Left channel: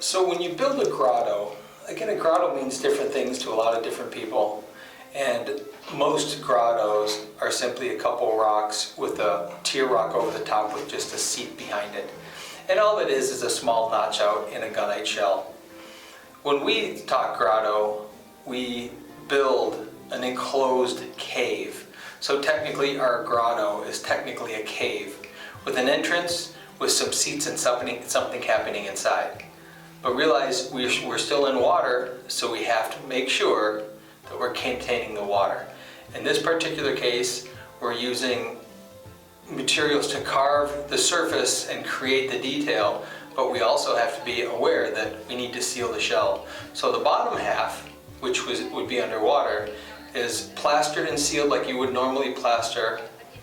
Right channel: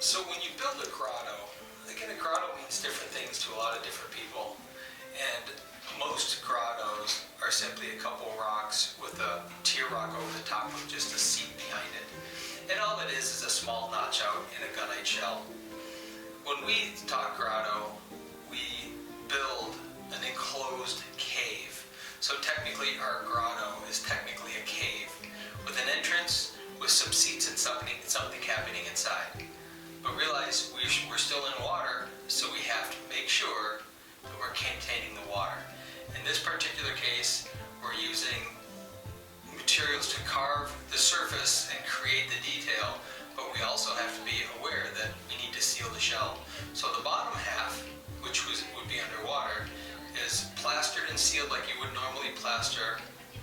So when you build a grotto, again, a grotto means different things to a lot of different people. And most grottos are simply a couple rocks with a tier rock over the top with just a seat behind it. And all it is a small notch out in a gunite shell. When we talk grotto, we build an enclosed cave. So technically our grotto is technically a cave with an entrance with some seats and something happening inside. But realize we're still in water, so we have to make sure that we're containing the water. In this particular case, we're using materials to carve the surface and create the detail, but we also have to be aware that we need to seal the shell. So the bottom half, which would be underwater, is plastered and sealed like you would normally plaster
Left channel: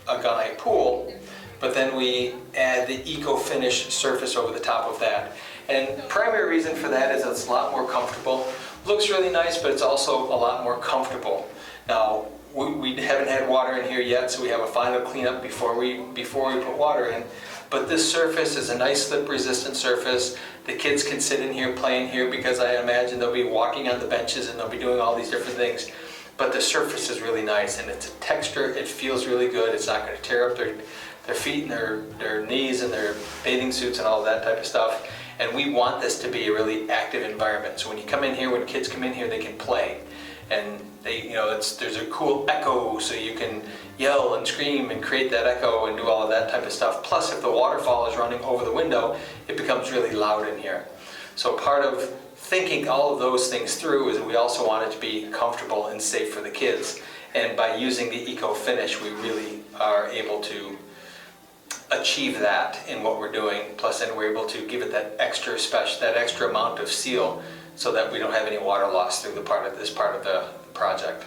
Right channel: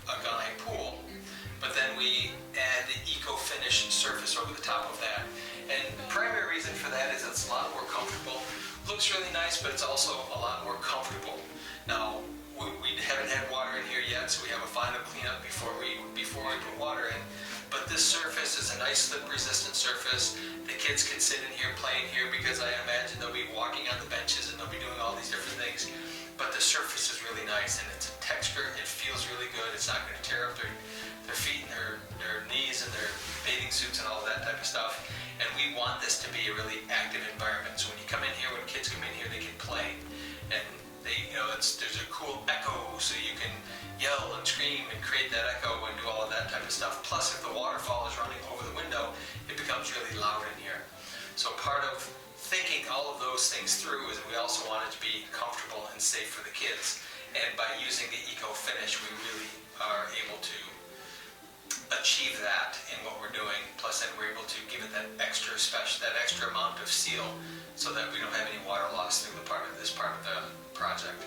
a gunite pool, but then we add the eco-finish surface over the top of that. And the primary reason for that is it's a lot more comfortable. Looks really nice, but it's also a lot more comfortable. Now, we haven't had water in here yet, so we have a final cleanup before we put water in. But this surface is a nice slip-resistant surface. The kids can sit in here, playing here, because I imagine they'll be walking on the benches and they'll be doing all these different things. But the surface is really nice, and it's a texture. It feels really good. It's not going to tear up their feet and their knees and their bathing suits and all that type of stuff. And we want this to be a really active environment. So when you come in here, when kids come in here, they can play. And there's a cool echo, so you can yell and scream and create that echo and do all of that type of stuff. Plus, if the waterfall is running over the window, it becomes really loud in here. So part of thinking all of those things through is that we also want it to be comfortable and safe for the kids. And by using the eco-finish, we really are able to achieve that in what we're doing. Plus, then we're able to give it that extra amount of seal so that we don't have any water loss through this part of the project.